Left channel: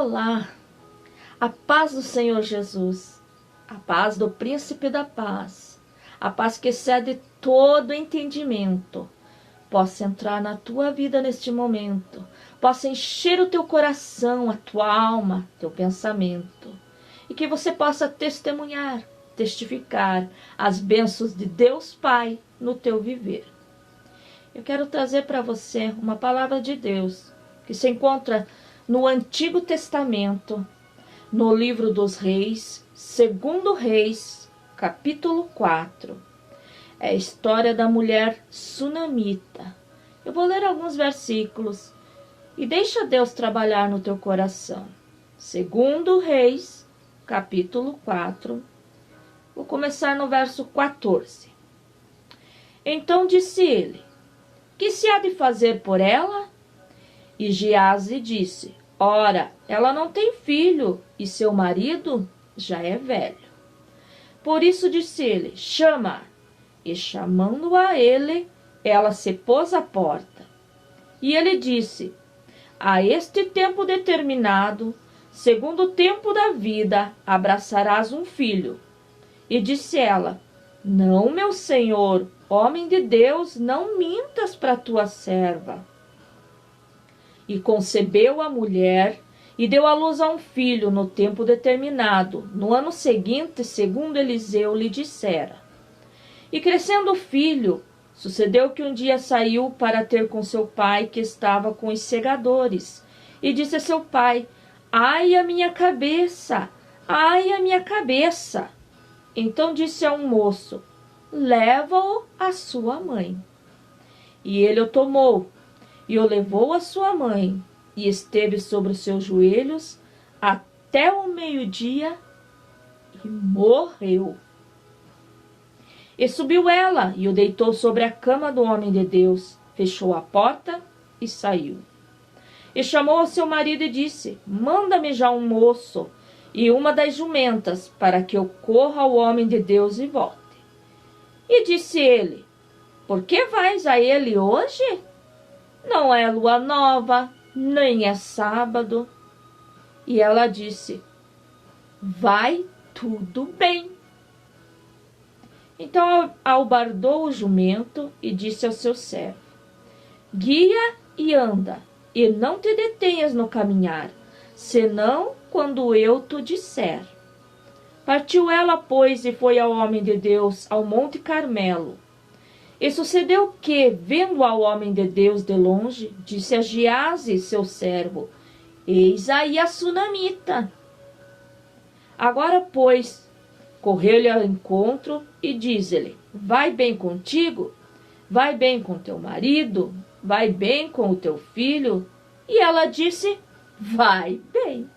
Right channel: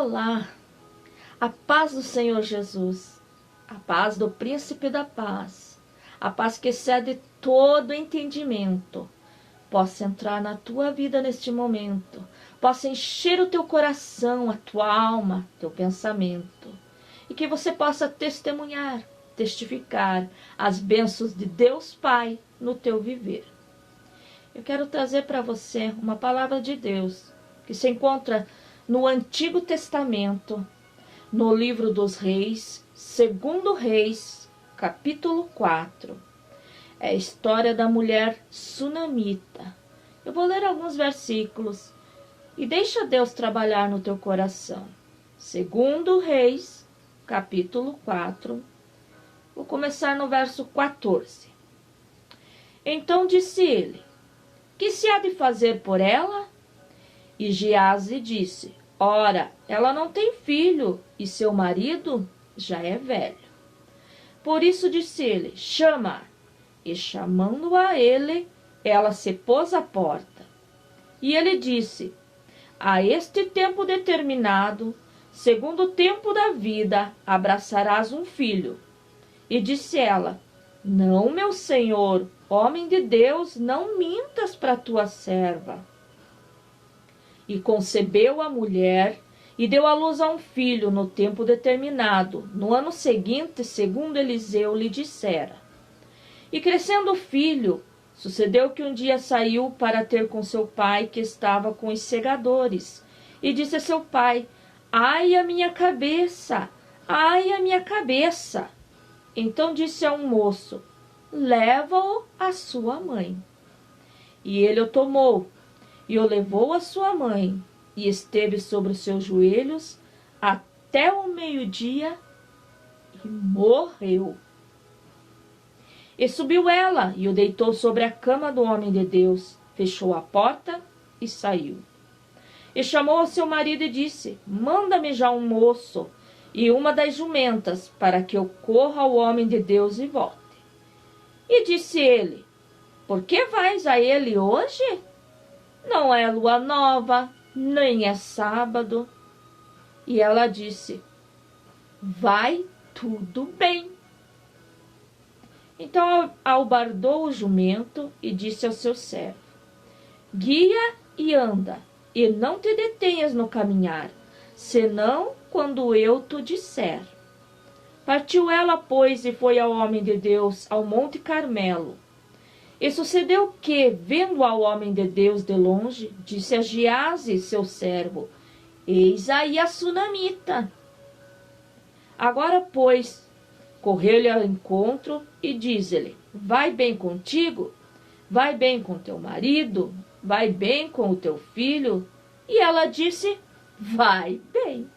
Olá, a paz do Senhor Jesus, a paz do Príncipe da Paz, a paz que excede todo entendimento, possa entrar na tua vida neste momento, possa encher o teu coração, a tua alma, teu pensamento, e que você possa testemunhar, testificar as bênçãos de Deus Pai no teu viver. Eu quero trazer para você uma palavra de Deus que se encontra no Antigo Testamento, no livro dos Reis, 2 Reis, capítulo 4. É a história da mulher sunamita. Eu vou ler alguns versículos e deixa Deus trabalhar no teu coração. 2 Reis, capítulo 4. Vou começar no verso 14. Então disse ele: que se há de fazer por ela? E Geazi disse: ora, ela não tem filho, e seu marido já é velho. Por isso disse ele: chama. E chamando a ele, ela se pôs à porta. E ele disse: a este tempo determinado, segundo o tempo da vida, abraçarás um filho. E disse ela: não, meu senhor, homem de Deus, não mintas para tua serva. E concebeu a mulher, e deu à luz a um filho no tempo determinado, no ano seguinte, segundo Eliseu lhe dissera. E crescendo o filho, sucedeu que um dia saiu para ter com seu pai, que estava com os segadores. E disse a seu pai: ai, a minha cabeça! Ai, a minha cabeça! Então disse a um moço: leva-o à sua mãe. E ele o tomou, e o levou à sua mãe, e esteve sobre os seus joelhos até o meio-dia, e morreu. E subiu ela, e o deitou sobre a cama do homem de Deus, fechou a porta e saiu. E chamou ao seu marido e disse: manda-me já um moço e uma das jumentas, para que eu corra ao homem de Deus e volte. E disse ele: por que vais a ele hoje? Não é lua nova, nem é sábado. E ela disse: vai tudo bem. Então albardou o jumento e disse ao seu servo: guia e anda, e não te detenhas no caminhar, senão quando eu te disser. Partiu ela, pois, e foi ao homem de Deus, ao monte Carmelo. E sucedeu que, vendo ao homem de Deus de longe, disse a Geazi, seu servo: eis aí a sunamita. Agora, pois, correu-lhe ao encontro e diz-lhe: vai bem contigo? Vai bem com teu marido? Vai bem com o teu filho? E ela disse: vai bem.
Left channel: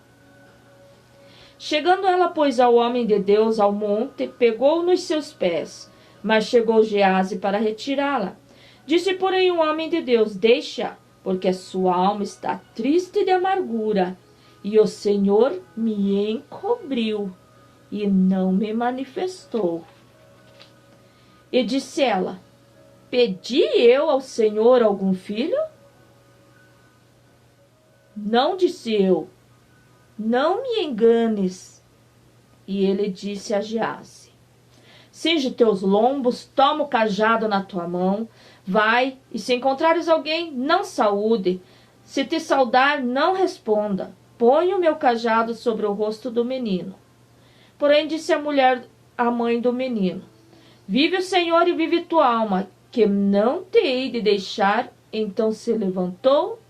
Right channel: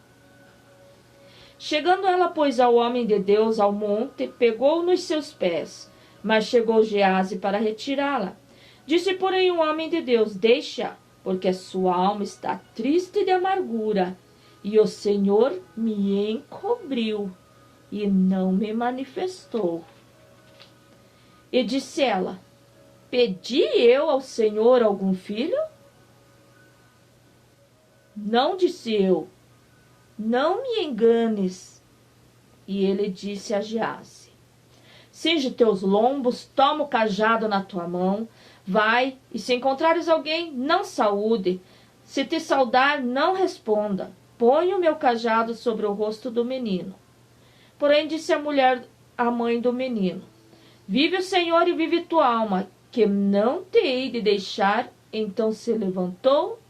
Chegando ela, pois, ao homem de Deus ao monte, pegou-o nos seus pés, mas chegou Geazi para retirá-la. Disse, porém, o homem de Deus: deixa, porque a sua alma está triste de amargura, e o Senhor me encobriu e não me manifestou. E disse ela: pedi eu ao Senhor algum filho? Não, disse eu, não me enganes. E ele disse a Geazi: cinge teus lombos, toma o cajado na tua mão, vai, e se encontrares alguém, não saúde, se te saudar, não responda, põe o meu cajado sobre o rosto do menino. Porém disse a mulher, a mãe do menino: vive o Senhor e vive tua alma, que não te hei de deixar. Então se levantou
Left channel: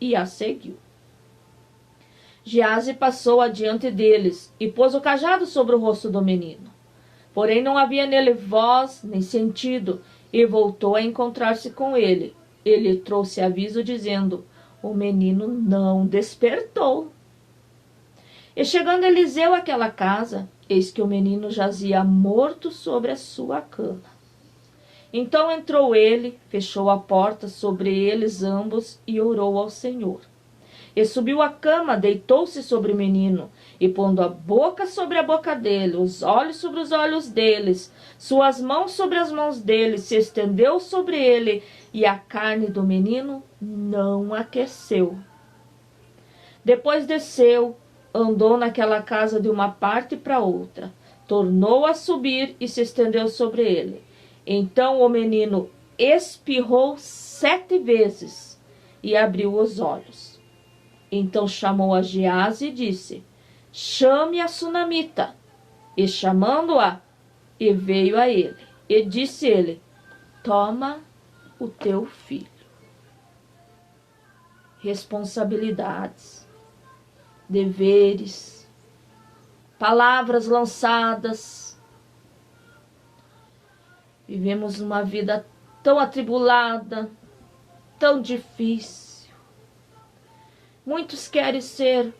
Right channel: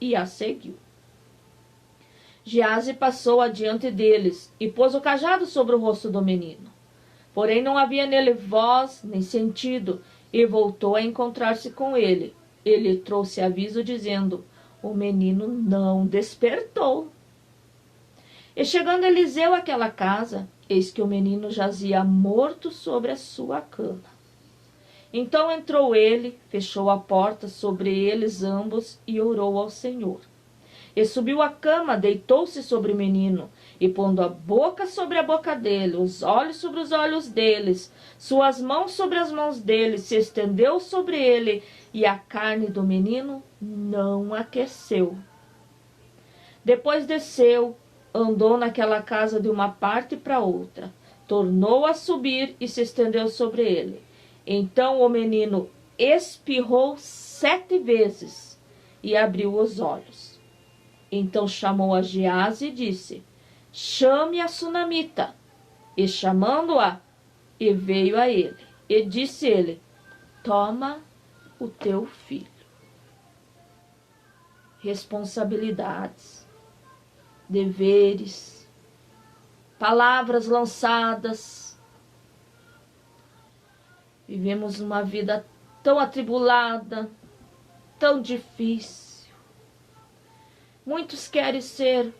e a seguiu. Geazi passou adiante deles e pôs o cajado sobre o rosto do menino. Porém não havia nele voz nem sentido, e voltou a encontrar-se com ele. Ele trouxe aviso dizendo: o menino não despertou. E chegando Eliseu àquela casa, eis que o menino jazia morto sobre a sua cama. Então entrou ele, fechou a porta sobre eles ambos e orou ao Senhor. E subiu à cama, deitou-se sobre o menino, e pondo a boca sobre a boca dele, os olhos sobre os olhos deles, suas mãos sobre as mãos dele, se estendeu sobre ele, e a carne do menino não aqueceu. Depois desceu, andou naquela casa de uma parte para outra, tornou a subir e se estendeu sobre ele. Então o menino espirrou 7 vezes e abriu os olhos. Então chamou a Gease e disse: chame a sunamita. E chamando-a, e veio a ele. E disse ele: toma o teu filho. Responsabilidades, deveres, palavras lançadas. Vivemos uma vida tão atribulada, tão difícil. Muitos querem ser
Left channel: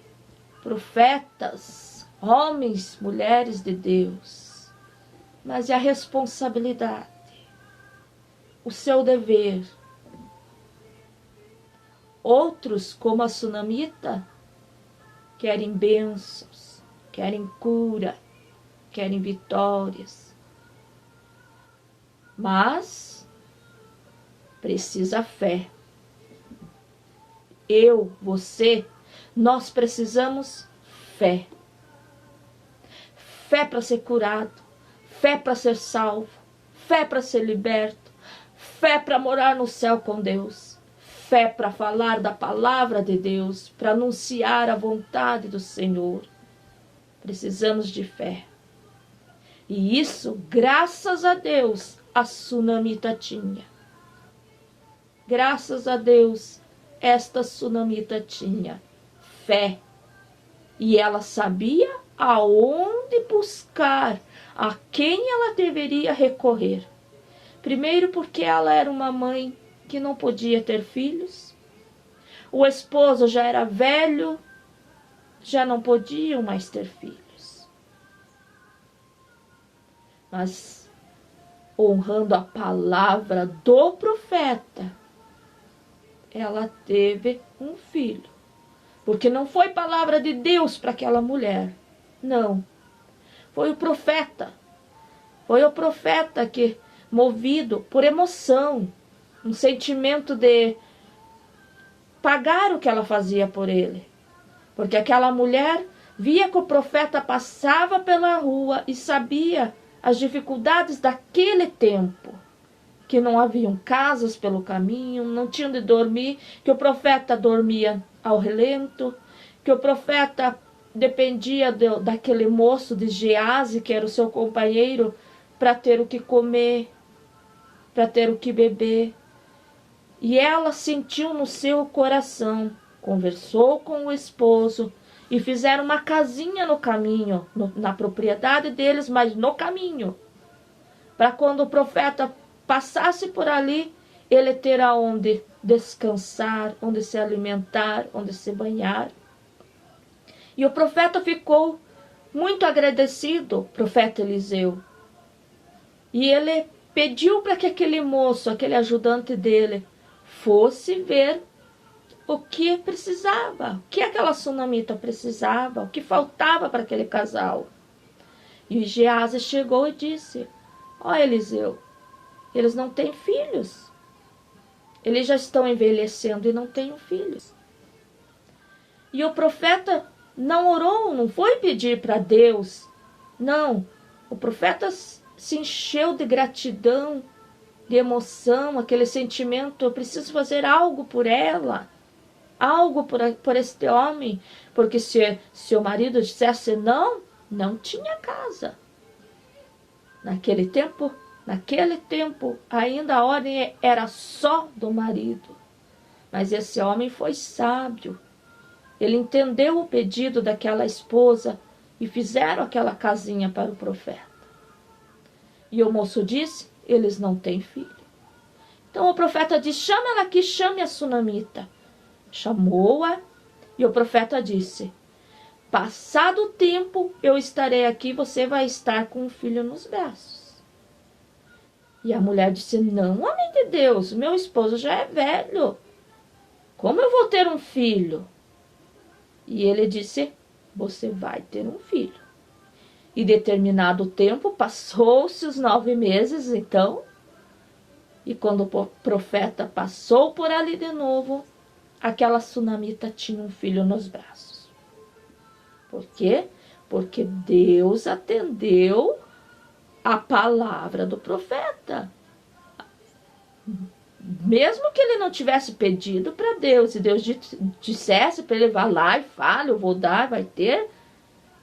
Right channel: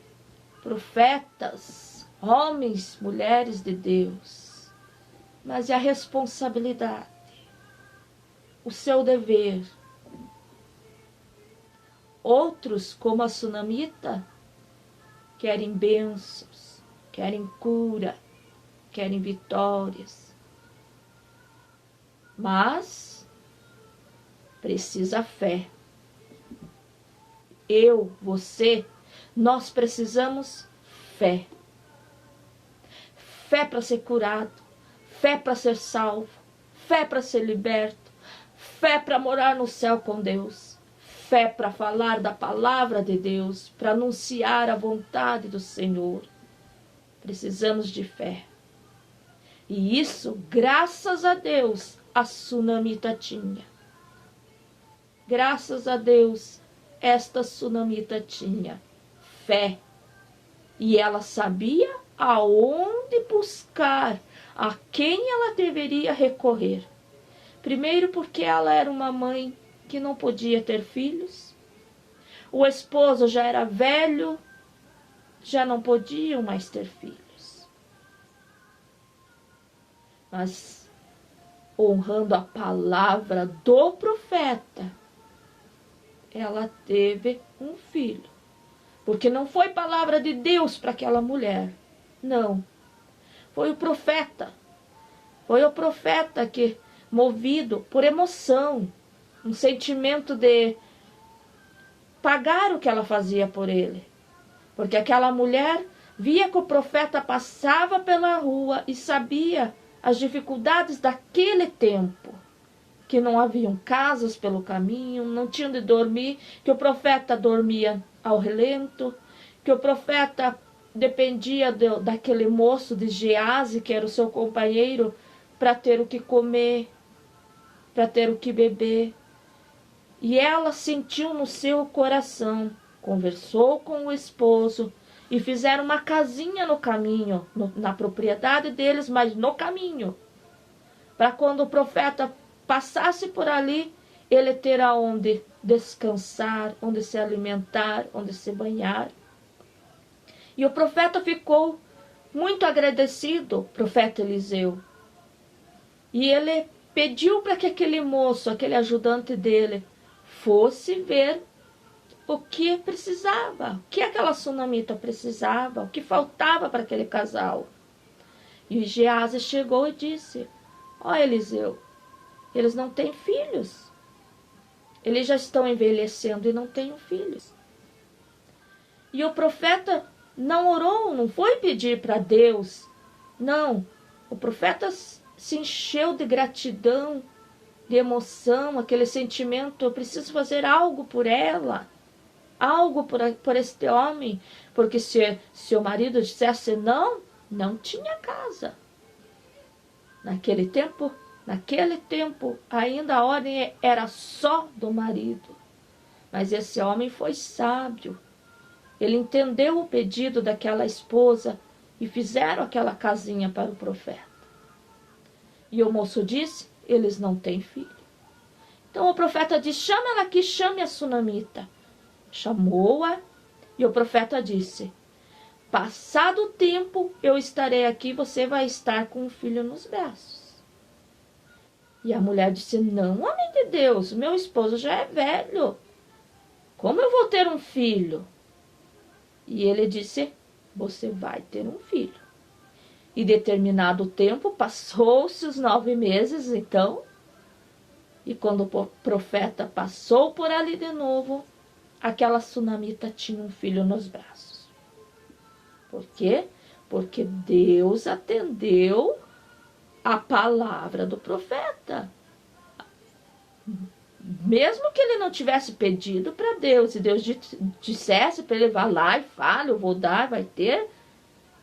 profetas, homens, mulheres de Deus. Mas é a responsabilidade, o seu dever. Outros, como a sunamita, querem bênçãos, querem cura, querem vitórias. Mas precisa fé. Eu, você, nós precisamos fé. Fé para ser curado, fé para ser salvo, fé para ser liberto, fé para morar no céu com Deus, fé para falar da palavra de Deus, para anunciar a vontade do Senhor. Precisamos de fé. E isso, graças a Deus, a sunamita tinha. Graças a Deus, esta sunamita tinha fé. E ela sabia aonde buscar, a quem ela deveria recorrer. Primeiro porque ela era uma mãe que não podia ter filhos. O esposo já era velho, já não podiam mais ter filhos. Mas, honrando a palavra do profeta, ela teve um filho. Porque não foi palavra de Deus para aquela mulher. Não. Foi o profeta. Foi o profeta que, movido por emoção, um sentimento de pagar o que ela fazia por ele. Porque aquela mulher via que o profeta passava pela rua e sabia as dificuldades daquele tempo. Que não haviam casas pelo caminho, não tinham de dormir, que o profeta dormia ao relento, que o profeta dependia daquele moço de Gease, que era o seu companheiro, para ter o que comer, para ter o que beber. E ela sentiu no seu coração, conversou com o esposo e fizeram uma casinha no caminho, na propriedade deles, mas no caminho, para quando o profeta passasse por ali, ele ter aonde descansar, onde se alimentar, onde se banhar. E o profeta ficou muito agradecido, profeta Eliseu. E ele pediu para que aquele moço, aquele ajudante dele, fosse ver o que precisava, o que aquela sunamita precisava, o que faltava para aquele casal. E Gease chegou e disse: ó Eliseu, eles não têm filhos. Eles já estão envelhecendo e não têm filhos. E o profeta não orou, não foi pedir para Deus. Não, o profeta se encheu de gratidão, de emoção, aquele sentimento: eu preciso fazer algo por ela, algo por este homem. Porque se o marido dissesse não, não tinha casa. Naquele tempo, ainda a ordem era só do marido. Mas esse homem foi sábio. Ele entendeu o pedido daquela esposa e fizeram aquela casinha para o profeta. E o moço disse: eles não têm filho. Então o profeta disse: chama ela aqui, chame a sunamita. Chamou-a e o profeta disse: passado o tempo eu estarei aqui, você vai estar com o filho nos braços. E a mulher disse: não, homem de Deus, meu esposo já é velho. Como eu vou ter um filho? E ele disse: você vai ter um filho. E determinado tempo, passou-se os 9 meses, então. E quando o profeta passou por ali de novo, aquela sunamita tinha um filho nos braços. Por quê? Porque Deus atendeu a palavra do profeta. Mesmo que ele não tivesse pedido para Deus, e Deus dissesse para ele, vá lá e fale, eu vou dar, vai ter,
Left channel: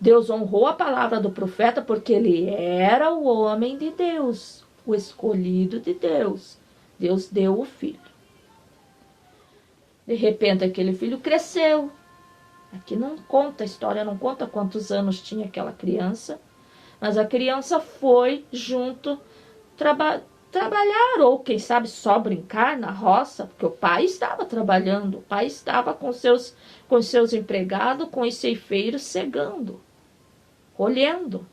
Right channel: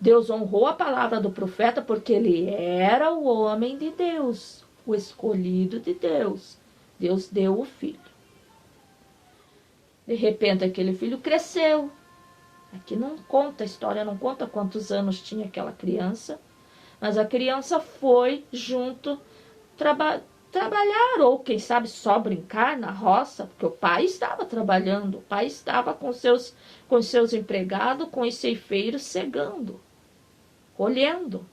Deus honrou a palavra do profeta porque ele era o homem de Deus, o escolhido de Deus. Deus deu o filho. De repente aquele filho cresceu. Aqui não conta, a história não conta quantos anos tinha aquela criança, mas a criança foi junto trabalhar, ou quem sabe só brincar na roça, porque o pai estava trabalhando, o pai estava com seus empregados, com os ceifeiros cegando, colhendo.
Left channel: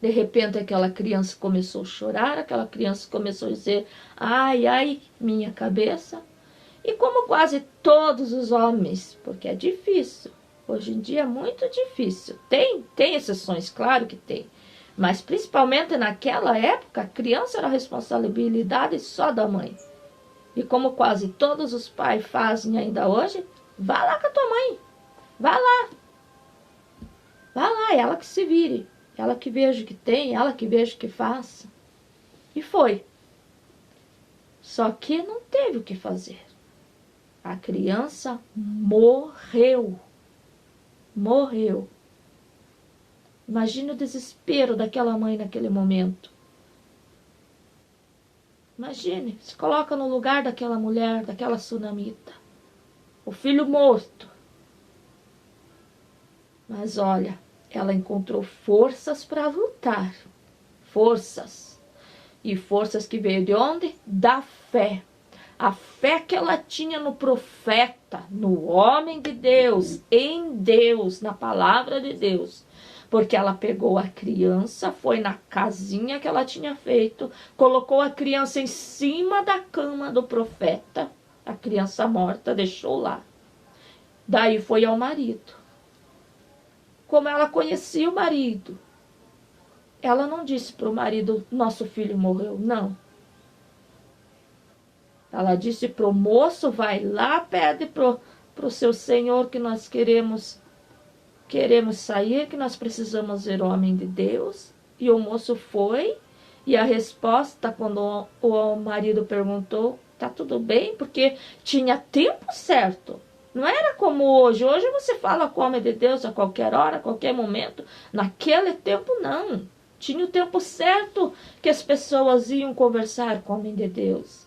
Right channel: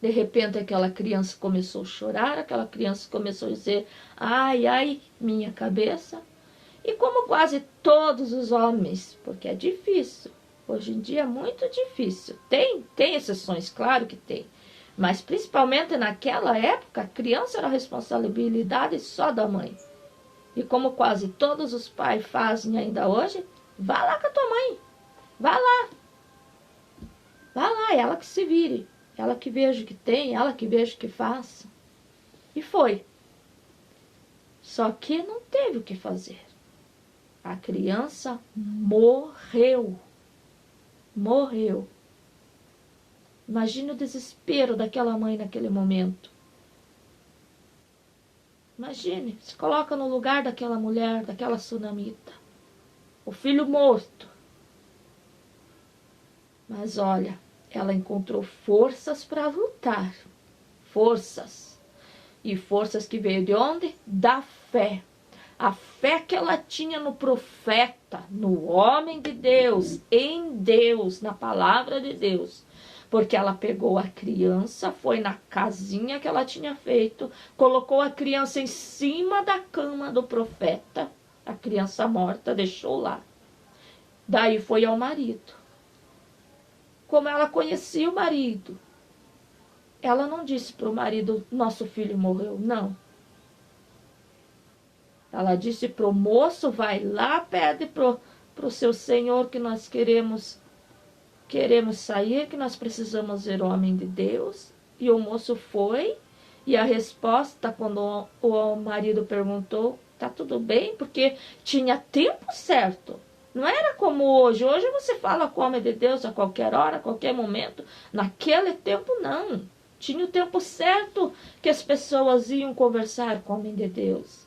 De repente aquela criança começou a chorar, aquela criança começou a dizer, ai, ai, minha cabeça. E como quase todos os homens, porque é difícil, hoje em dia é muito difícil, tem exceções, claro que tem, mas principalmente naquela época, a criança era responsabilidade só da mãe. E como quase todos os pais fazem ainda hoje, vá lá com a tua mãe, vá lá, ela que se vire, ela que veja o que tem, ela que veja o que faça. E foi. Só que não teve o que fazer. A criança morreu. Morreu. Imagine o desespero daquela mãe naquele momento. Imagine, se coloca no lugar daquela mulher, daquela sunamita. O filho morto. Mas olha, ela encontrou forças para lutar. Forças. E forças que veio de onde? Da fé. A fé que ela tinha no profeta, no homem de Deus, em Deus, na palavra de Deus. Porque ela pegou a criança, foi na casinha que ela tinha feito, colocou a criança em cima da cama do profeta, a criança morta, deixou lá. Daí foi ao marido. Como ela conhecia o marido, ela não disse para o marido, nosso filho morreu, não. Ela disse para o moço, vai lá, pede para o seu senhor que nós queremos sair, que nós precisamos ver o homem de Deus. E o moço foi, e a resposta, quando o marido perguntou, tá tudo bem? Porque tinha tempo certo. Não era como hoje. Hoje você fala com o homem de Deus a qualquer hora, a qualquer momento. Naquele tempo, não. Tinha o tempo certo que as pessoas iam conversar com o homem de Deus.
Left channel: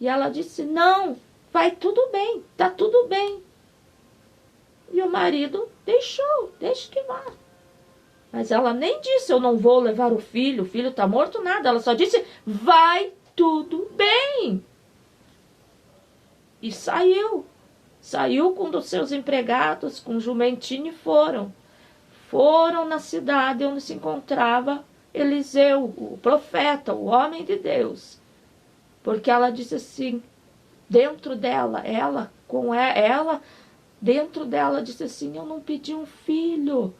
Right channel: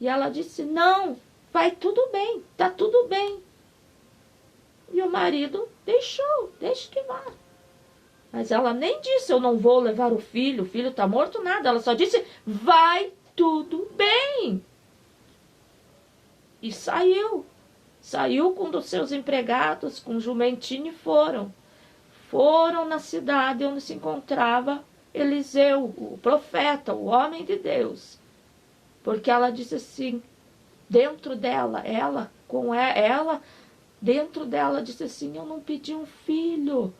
E ela disse, não, vai tudo bem, tá tudo bem. E o marido deixa que vá. Mas ela nem disse, eu não vou levar o filho está morto, nada. Ela só disse, vai tudo bem. E saiu. Saiu com um dos seus empregados, com um jumentinho e foram. Foram na cidade onde se encontrava Eliseu, o profeta, o homem de Deus. Porque ela disse assim, dentro dela, dentro dela disse assim, eu não pedi um filho.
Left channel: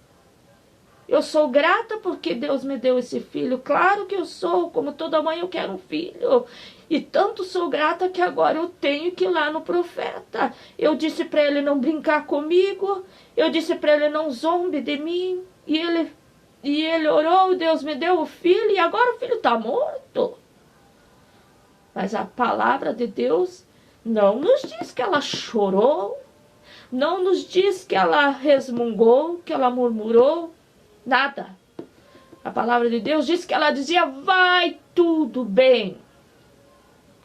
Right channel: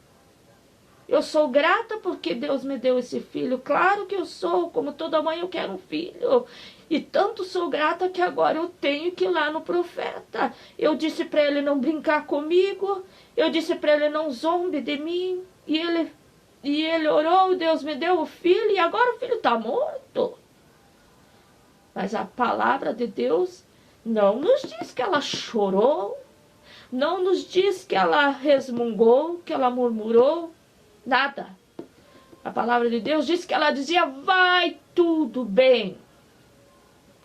Eu sou grata porque Deus me deu esse filho. Claro que eu sou, como toda mãe eu quero um filho. E tanto sou grata que agora eu tenho que ir lá no profeta. Eu disse para ele não brincar comigo. Eu disse para ele não zombe de mim. E ele orou, Deus me deu o filho e agora o filho está morto. Mas a palavra de Deus não nos diz que ela chorou, não nos diz que ela resmungou, que ela murmurou, nada. A palavra de Deus diz que ela dizia, vai tudo bem,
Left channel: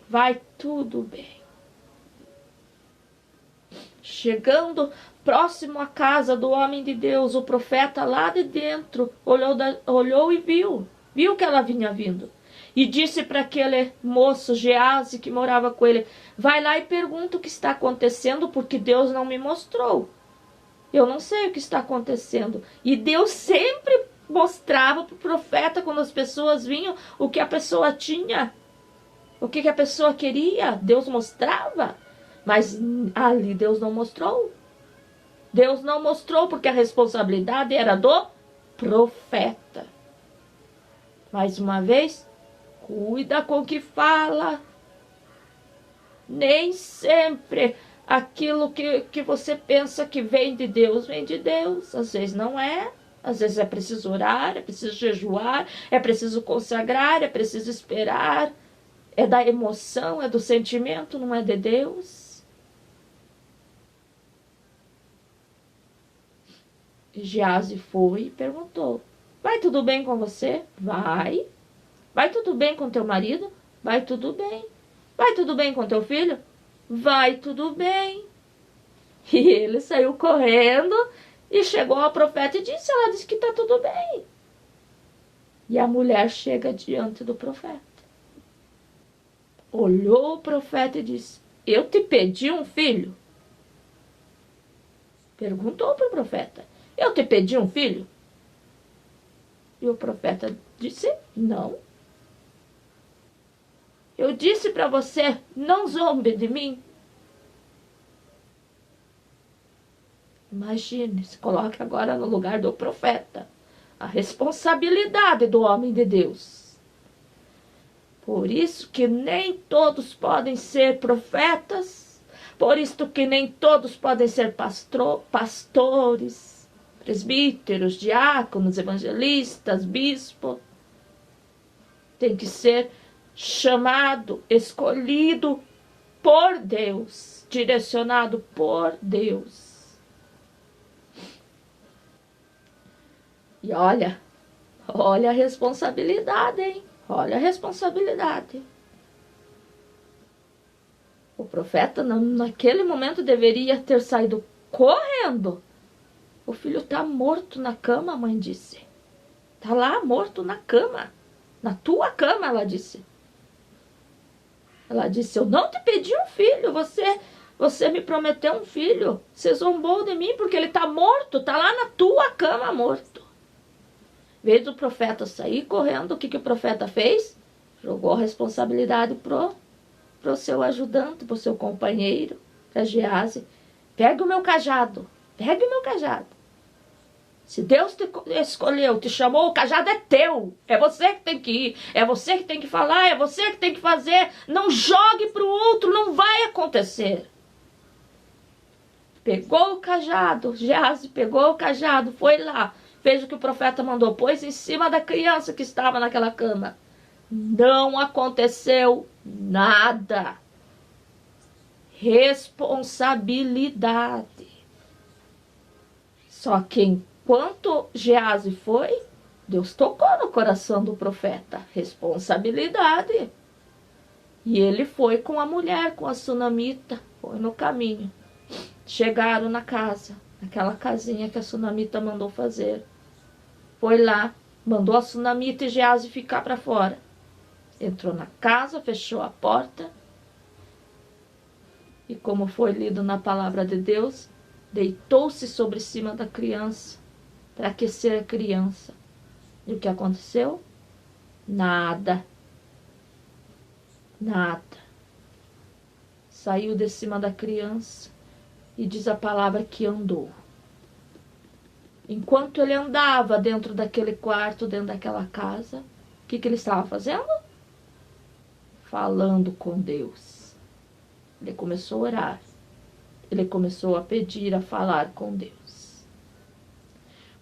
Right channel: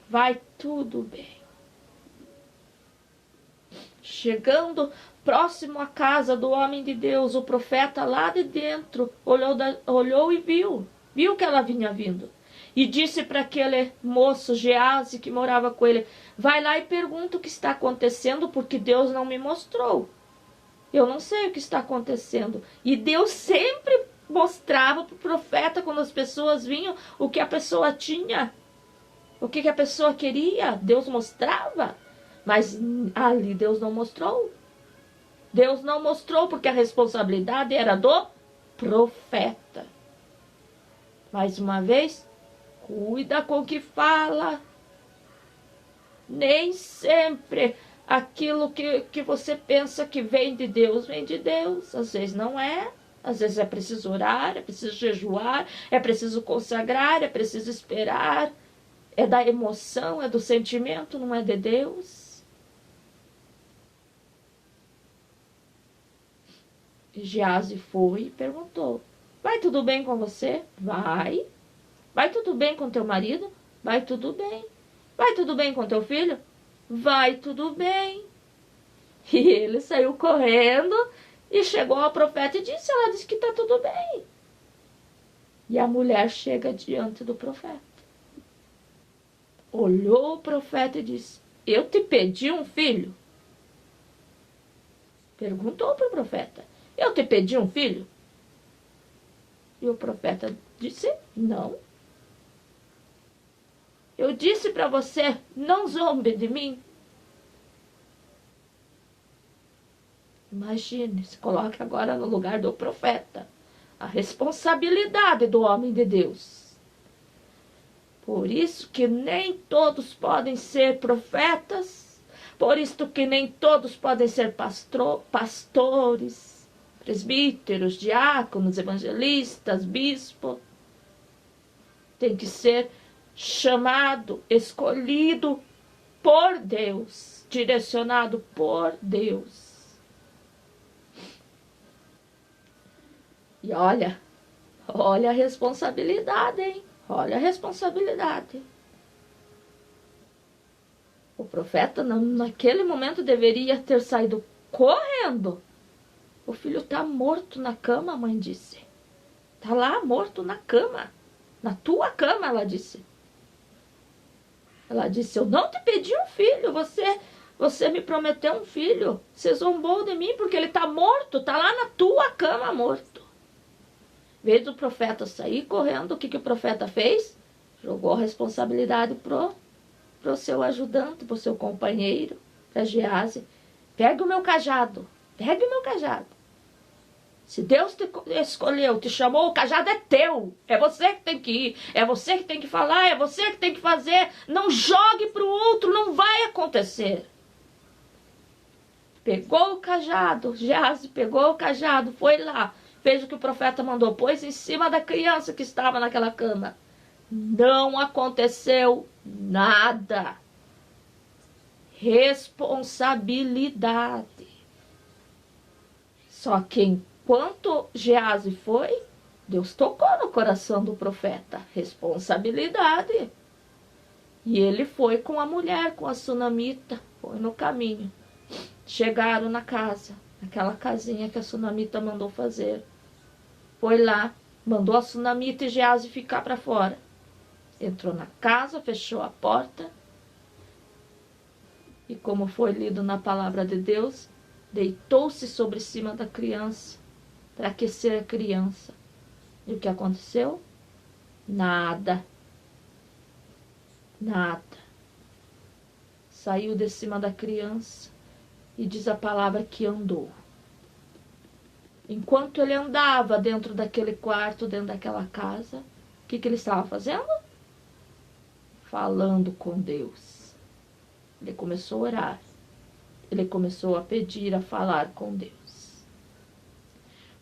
vai tudo bem. Chegando próximo à casa do homem de Deus, o profeta lá de dentro olhou e viu que ela vinha vindo. E disse para aquele moço, Geazi, que morava com ele, vai lá e pergunta o que está acontecendo, porque Deus não me mostrou. Eu não sei o que está acontecendo. E Deus sempre mostrava para o profeta, quando as pessoas vinham, o que a pessoa tinha, o que a pessoa queria. Deus mostrava, mas ali Deus não mostrou. Deus não mostrou, porque a responsabilidade era do profeta. Mais uma vez, cuida com o que fala. Nem sempre aquilo que você pensa que vem de Deus, vem de Deus. Às vezes não é. Às vezes é preciso orar, é preciso jejuar, é preciso consagrar, é preciso esperar. É da emoção, é do sentimento, não é de Deus. E Geazi foi e perguntou: vai tudo bem com você? Vai. Vai tudo bem com teu marido? Vai tudo bem. Vai tudo bem com teu filho? Vai tudo bem. E ele saiu correndo e chegou ao profeta e disse: ela disse que está tudo bem. E a mulher chega diante do profeta. Olhou o profeta e disse: eu te pedi um filho? Perguntou para o profeta: eu te pedi um filho? E o profeta disse: não. Eu disse para você: não zombe de mim. Imagine, se coloque agora no lugar do profeta. A responsabilidade do homem de Deus. Por isso que nem todos podem ser profetas. Por isso que nem todos podem ser pastores, presbíteros, diáconos, evangelistas, bispo. Tem que ser chamado, escolhido por Deus, direcionado por Deus. E olha a responsabilidade, hein? Olha a responsabilidade. O profeta, naquele momento, deveria ter saído correndo. O filho está morto na cama, a mãe disse. Está lá, morto na cama. Na tua cama, ela disse. Ela disse: eu não te pedi um filho, você me prometeu um filho. Você zombou de mim porque ele está morto, está lá na tua cama morto. Em vez do profeta sair correndo, o que o profeta fez? Jogou a responsabilidade pro seu ajudante, pro seu companheiro, para Geazi. Pega o meu cajado, pega o meu cajado. Se Deus te escolheu, te chamou, o cajado é teu. É você que tem que ir, é você que tem que falar, é você que tem que fazer. Não jogue para o outro, não vai acontecer. Pegou o cajado, Geazi pegou o cajado, foi lá, fez o que o profeta mandou, pôs em cima da criança que estava naquela cama. Não aconteceu nada. Responsabilidade. Só que enquanto Geazi foi, Deus tocou no coração do profeta. Responsabilidade. E ele foi com a mulher, com a sunamita, foi no caminho. Chegaram na casa, aquela casinha que a sunamita mandou fazer. Foi lá, mandou a sunamita e Geazi ficar para fora. Entrou na casa, fechou a porta. E como foi lido na palavra de Deus, deitou-se sobre cima da criança para aquecer a criança. E o que aconteceu? Nada. Nada. Saiu de cima da criança e diz a palavra que andou. Enquanto ele andava dentro daquele quarto, dentro daquela casa, o que ele estava fazendo? Falando com Deus. Ele começou a orar. Ele começou a pedir, a falar com Deus.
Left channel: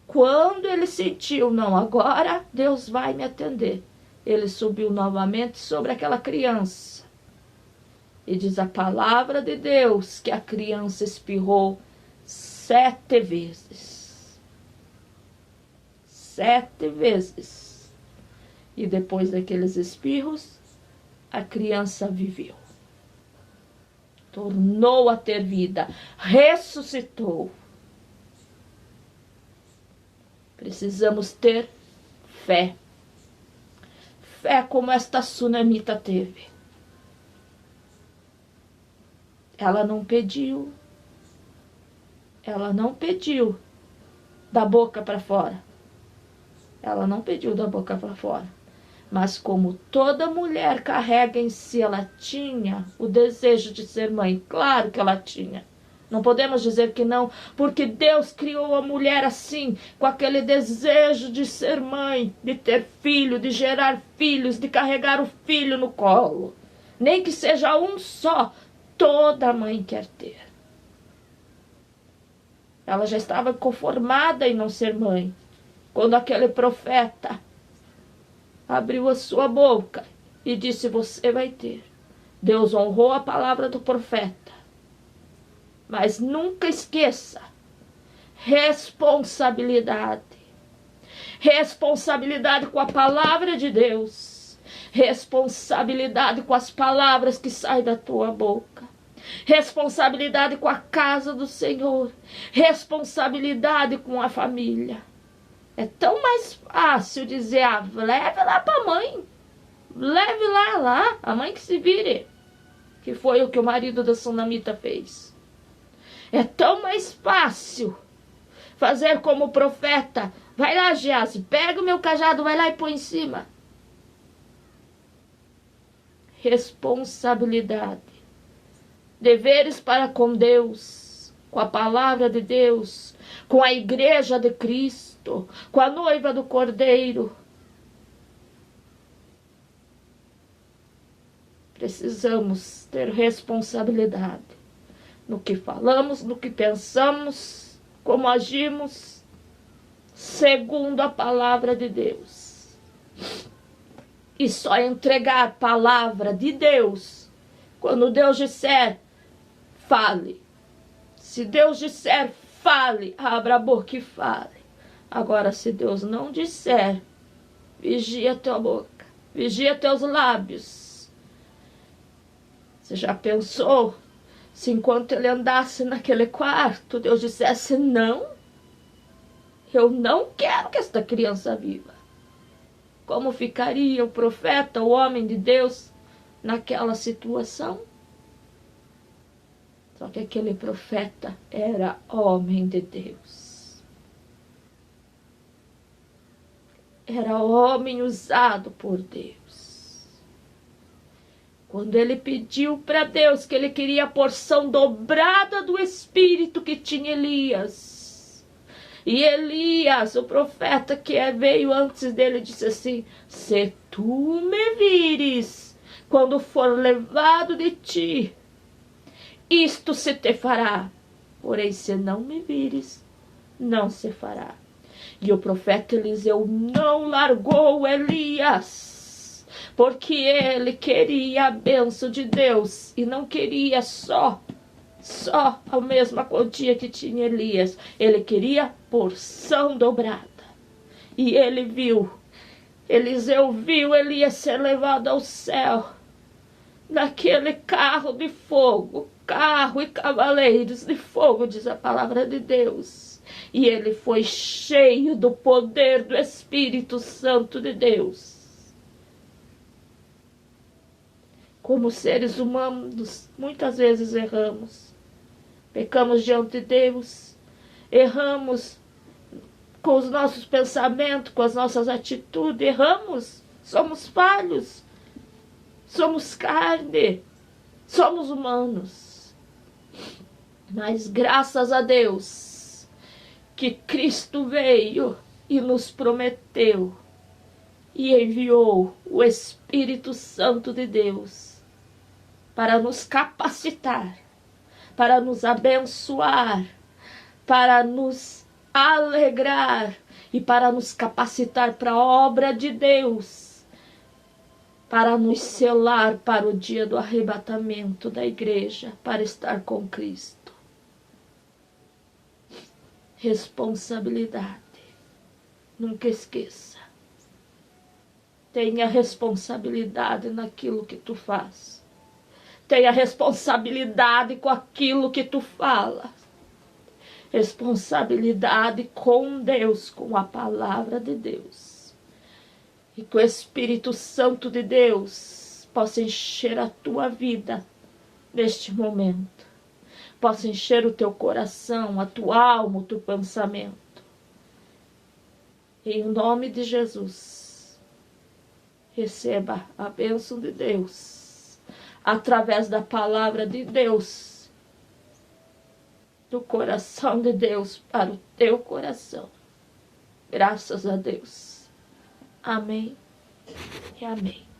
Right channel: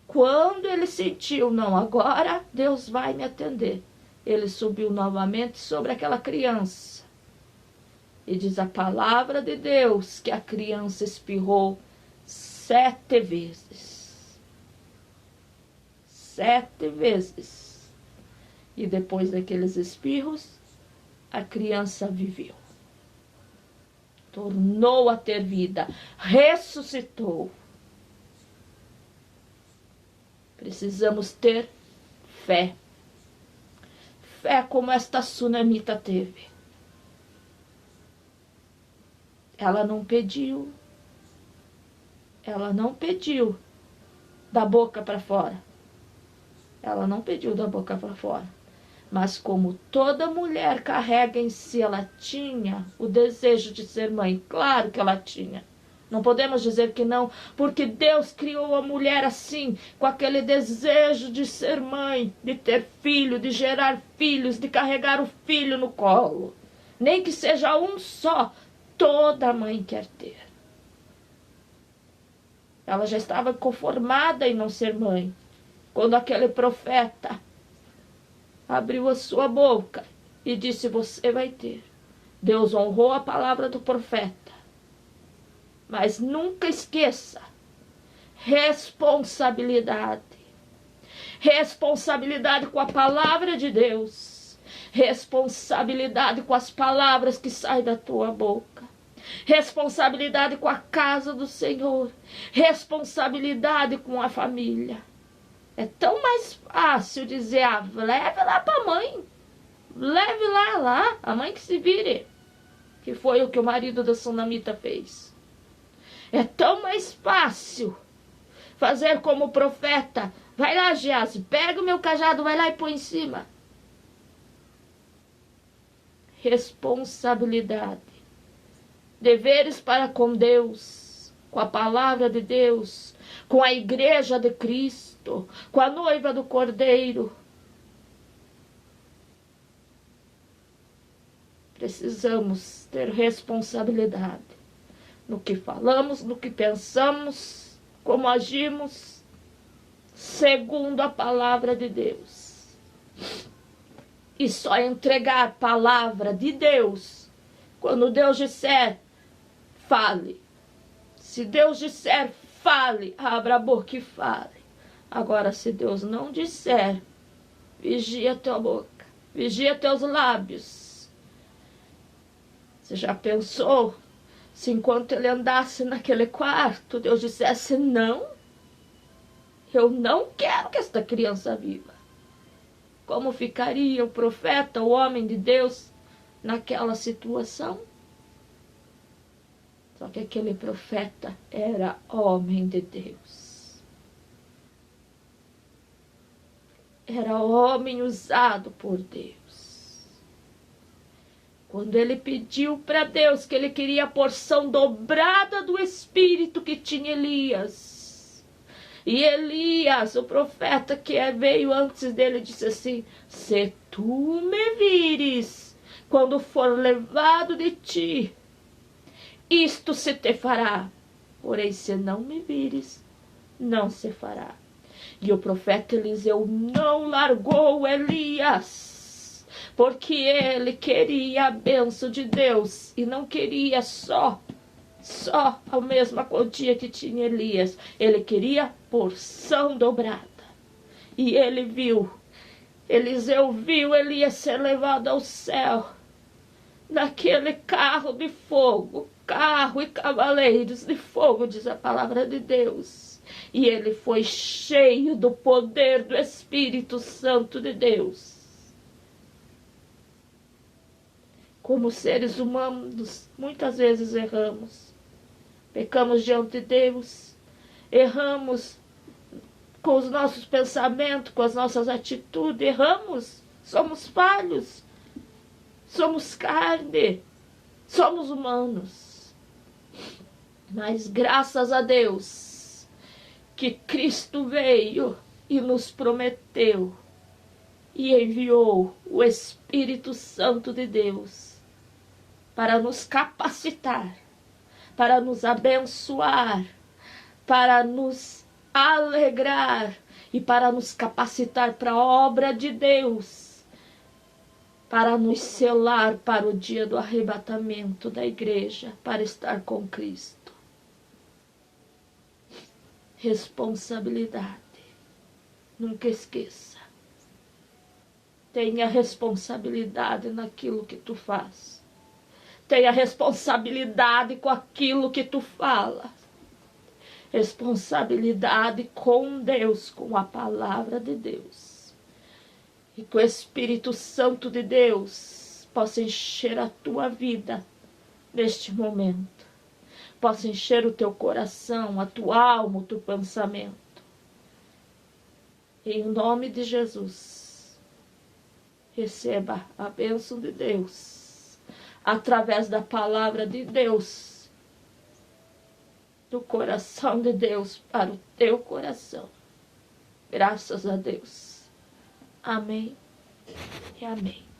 Quando ele sentiu, não, agora Deus vai me atender, ele subiu novamente sobre aquela criança. E diz a palavra de Deus que a criança espirrou 7 vezes. 7 vezes. E depois daqueles espirros, a criança viveu. Tornou a ter vida. Ressuscitou. Precisamos ter fé. Fé como esta sunamita teve. Ela não pediu. Ela não pediu da boca para fora. Ela não pediu da boca para fora. Mas como toda mulher carrega em si, ela tinha o desejo de ser mãe. Claro que ela tinha. Não podemos dizer que não, porque Deus criou a mulher assim, com aquele desejo de ser mãe, de ter filho, de gerar filhos, de carregar o filho no colo. Nem que seja um só, toda mãe quer ter. Ela já estava conformada em não ser mãe, quando aquele profeta abriu a sua boca e disse: você vai ter. Deus honrou a palavra do profeta. Mas nunca esqueça, responsabilidade. Responsabilidade com a palavra de Deus. Responsabilidade com as palavras que saem da tua boca. Responsabilidade com a casa do Senhor. Responsabilidade com a família. É tão mais fácil dizer: leve lá para a mãe. Leve lá, a mãe que se vire. Que foi o que o marido da Sunamita fez. É tão mais fácil fazer como o profeta: vai lá, Geazi, pega o meu cajado, vai lá e põe em cima. Responsabilidade. Deveres para com Deus, com a palavra de Deus, com a igreja de Cristo, com a noiva do Cordeiro. Precisamos ter responsabilidade no que falamos, no que pensamos, como agimos, segundo a palavra de Deus. E só entregar a palavra de Deus quando Deus disser: fale. Se Deus disser: fale, abra a boca e fale. Agora, se Deus não disser, vigia tua boca, vigia teus lábios. Você já pensou se enquanto ele andasse naquele quarto, Deus dissesse: não, eu não quero que esta criança viva? Como ficaria o profeta, o homem de Deus, naquela situação? Só que aquele profeta era homem de Deus. Era homem usado por Deus. Quando ele pediu para Deus que ele queria a porção dobrada do Espírito que tinha Elias. E Elias, o profeta que veio antes dele, disse assim: se tu me vires, quando for levado de ti, isto se te fará. Porém, se não me vires, não se fará. E o profeta Eliseu não largou Elias, porque ele queria a bênção de Deus e não queria só a mesma quantia que tinha Elias. Ele queria porção dobrada. E ele viu, Eliseu viu Elias ser levado ao céu naquele carro de fogo, carro e cavaleiros de fogo, diz a palavra de Deus. E ele foi cheio do poder do Espírito Santo de Deus. Como seres humanos, muitas vezes erramos. Pecamos diante de Deus. Erramos com os nossos pensamentos, com as nossas atitudes. Erramos. Somos falhos. Somos carne. Somos humanos. Mas graças a Deus que Cristo veio e nos prometeu e enviou o Espírito Santo de Deus para nos capacitar, para nos abençoar, para nos alegrar e para nos capacitar para a obra de Deus, para nos selar para o dia do arrebatamento da igreja, para estar com Cristo. Responsabilidade. Nunca esqueça. Tenha responsabilidade naquilo que tu faz. Tenha responsabilidade com aquilo que tu fala. Responsabilidade com Deus, com a palavra de Deus. E que o Espírito Santo de Deus possa encher a tua vida neste momento. Possa encher o teu coração, a tua alma, o teu pensamento. Em nome de Jesus, receba a bênção de Deus, através da palavra de Deus, do coração de Deus para o teu coração. Graças a Deus. Amém e amém.